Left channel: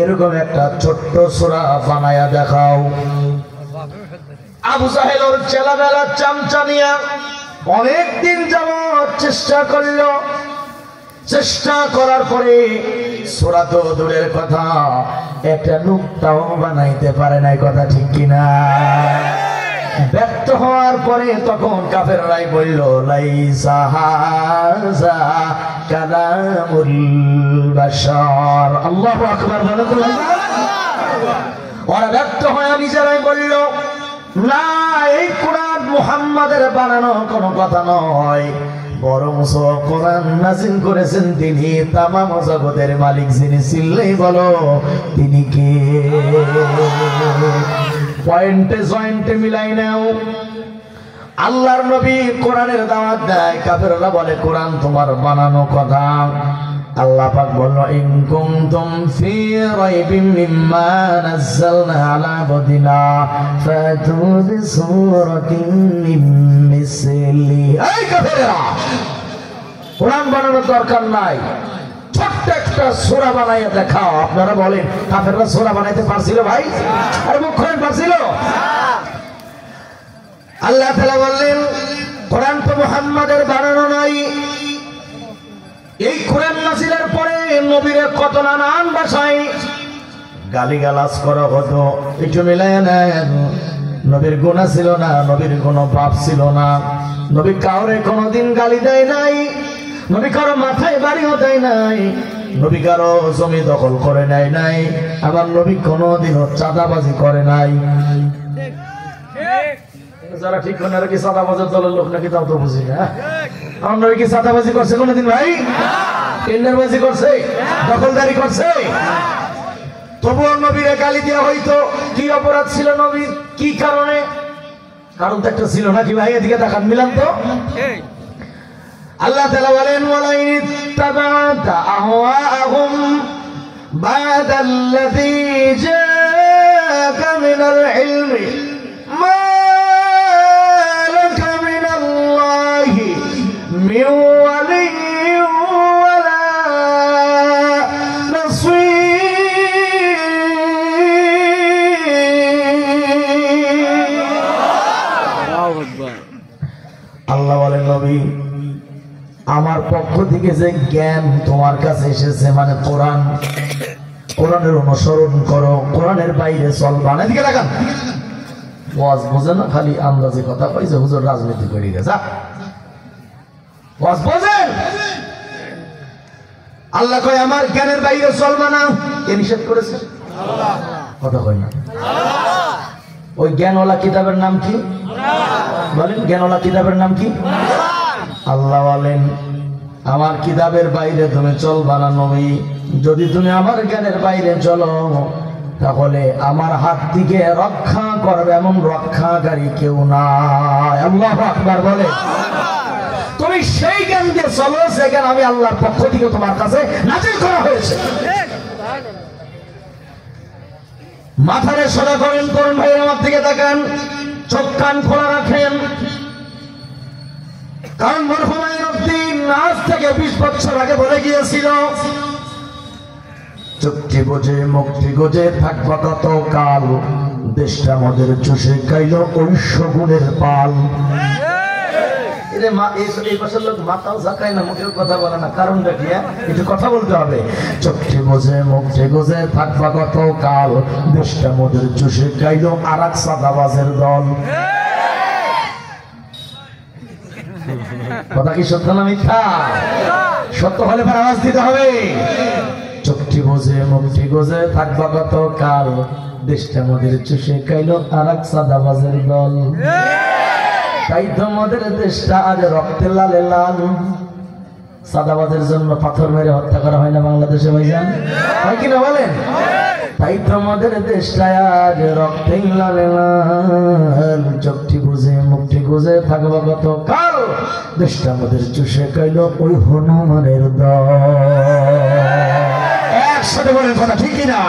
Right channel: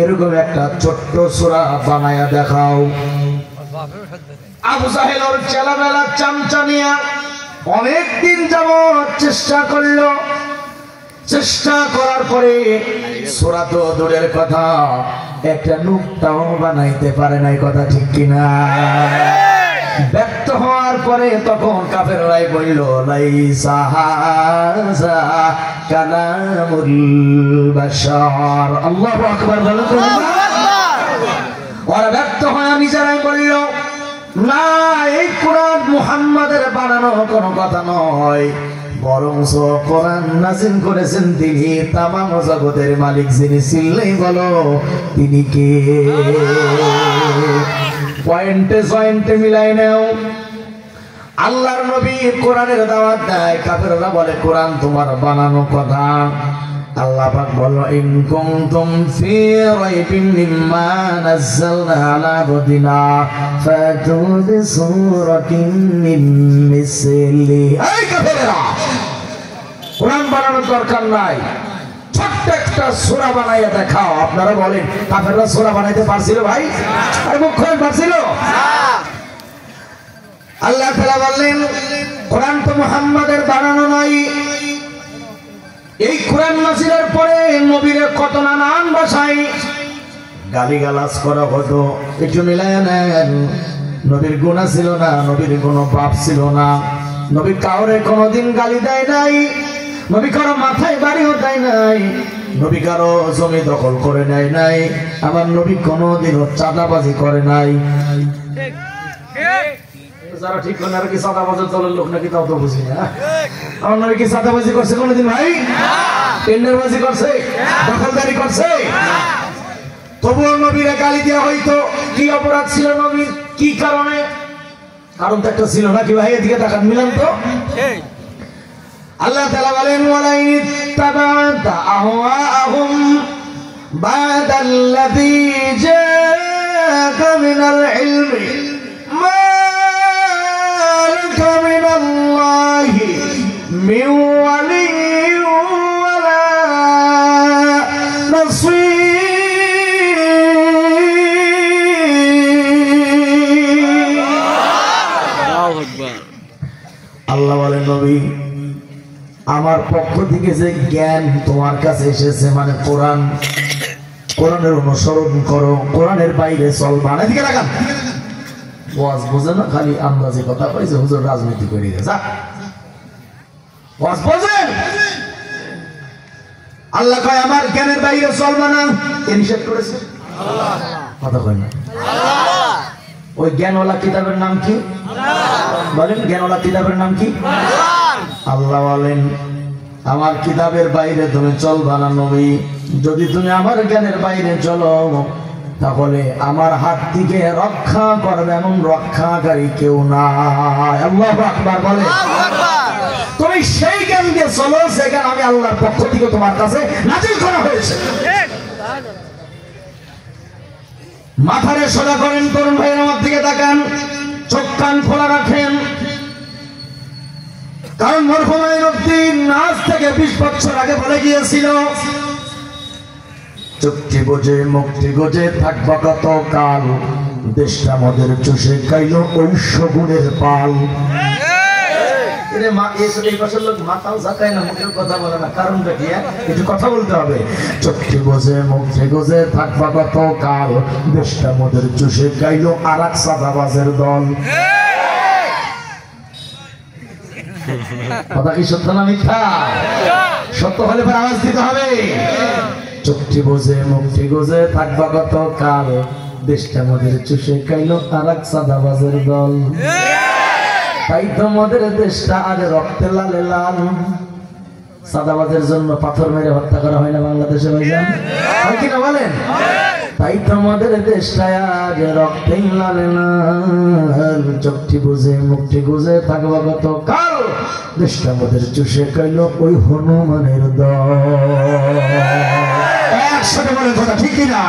এরকম একটা ছোট্ট সূরা বানায়া দেখাও। আবু জাহেলের ছেলেবেলা চামচা নিয়ে অনেকদিন যাবত চেষ্টা করলো। চেষ্টা করার পরে সূরা তো দূরের কথা, একটা নুক্তাও বানাইতে পারে নাই, কথা ঠিক কিনা? ব্যর্থ হওয়ার পরে তখন কাফেররাই বলল, লাইসা হাযা কালামুল বাশার। আল্লাহু আকবার। ওরা ব্যর্থ হয়ে নিজেরাই বলল, না, এই কোরআন মুহাম্মাদের বানানো কোনো কথা নয়, বরং কোরআন নাযিল করেছেন তিনি, তামাম জগতের মালিক যিনি, চিল্লেই বলো তিনি কে? পয়েন্টে জয়েন্টে মিলাই নাও। আল্লাহর নবী কোরআনের দাওয়াত দেয়, কাফেররা বলে কোরআন তোমার বানানো কথা। আল্লাহ পাক বলল, ইন কুনতুম ফি রাইবিন মিম্মা নাযালনা আলা আবদিনা ফাতু বিসূরাতিন মিন মিসলি। এই কাফেররা, কোরআন বানানোর দরকার নাই, ছোট্ট একটা সূরা বানাইয়া দেখাও। আপনারা বলেন কাফেররা সূরা বানাইতে পারছিল ভাই? আর মুখ খোলেন, পারছিল? আল্লাহ তাআলা বললেন, কোরআন তো মুহাম্মাদের বানানো নাই। এই কোরআন নাযিলের পরে নবীর কত নানান ভাষায় গালিগালাজ করা হতো। একটু মিলাইয়া নেন। নবীর গুনাহ ছিল না, নবীর কোনো পাপ ছিল না, নবী কাউরে কোনোদিন গালি দেয় নাই, নবী কারো মাথায় বাড়িও দেয় নাই, নবী কারো জমি দখল করে নেয় নাই, আবার নবী কোনোদিনও চাঁদাবাজি করে নাই। যারা ঠিক না কি চাঁদাবাজের দলের লোক নাকি তাও তো বুঝি না। আমার নবী কি চাঁদাবাজি করছে কোনোদিন ভাই? টেন্ডারবাজি করছে? দখলদারি করছে? তবুও নবীরা গালি দেওয়া হইতো। কি অপরাধ ছিল নবীর? কি কারণে? কারণ তো একটা ছিল নাকি ভাই? এদিকে তাকান, মিলাম তো। আল্লাহ তাআলা বলেন, ওয়ালাইন ইত্তাবা'তা আহওয়াআহুম বা'দাল্লাযী জাআকা মিনাল ইলমি মা লাকা মিনাল্লাহি মিন ওয়ালিয়্যিন ওয়ালা নাসীর। আল্লাহু আকবার। আল্লাহ বলেন, নবী আমার পক্ষ থেকে যে জ্ঞান তোমার কাছে এসেছে, মানে কোরআন, কোরআনের অনুসরণ করো, কোরআনের বাইরে চলবা না। এদিকে লাগান। ওয়াজ বোঝে না, খালি আন্দাজে কথা কইছে, হুজুর রাজনীতি করে গেছে। ওয়াজ বোঝেন? আল্লাহ কয় আমার জ্ঞানের বাইরে চলবা না, কে নিষেধ করেছে? কথা কয় না। ওই জ্ঞানওয়ালা কিতাবের নাম কি বলেন? জ্ঞানওয়ালা কিতাবের নাম কি? আল্লাহ বলেন, আমার কিতাবের বাইরে তুমি চলবা না নবী। যদি তুমি আমার জ্ঞানের বাইরে চলো, তাহলে আমার হাত থেকে রক্ষা করবে এমন রক্ষাকারী কেউ নাই। আল্লাহু আকবার বলে। তুমি সেই জ্ঞান দিয়ে চলো, সেখানে আমি আল্লাহর পক্ষ থেকে তোমার কাছে নাযিল করা হয়েছে। মাথারে সোজা করেন, তরুণ ভাই আমার দিকে তাকান, চোখ কান খোলা রাখেন। কারণ মরহুমাইনুদ্দিন আজ থেকে 20 বছর আগে বলে গিয়েছিল, চুক্তি বুঝে মুক্তি গুজে থাকবা কত কাল, দেশটা আমাদের চষে খাইল ঐশ্য গুণের পাল। এই পাশের লোক মাথাও ঝাঁকায় না, মুখের কথা বলে না, কারণটা কি? একটু কথা বলতে হবে। চুক্তি বুঝে মুক্তি গুজে থাকবা কত কাল, দেশটা আমাদের চষে খাইল আর এক সাদাবাজের দল। কথা কি সত্য না মিথ্যা? সত্য হলে পর আওয়াজ দিতে হবে। চুক্তি বুঝে মুক্তি গুজে থাকবা কত কাল, দেশটা আমাদের চুষে খাইল আর এক সাদাবাজের দল। তাই তোমাদের দেশটা আজ রক্তে লালে লাল। সাদাবাজের জন্য পাথর মেরে হত্যা করা হয় না বাংলাদেশে ভাইজান? হয় কিনা বলেন? তাই তোমাদের দেশটা আজ রক্তে লালে লাল। চুক্তি বুঝে মুক্তি গুজে থাকবা কত কাল, দেশটা আমাদের চুষে খাইল ওই হনুমানের দল। একসাথে বলেন কথা ঠিক কিনা?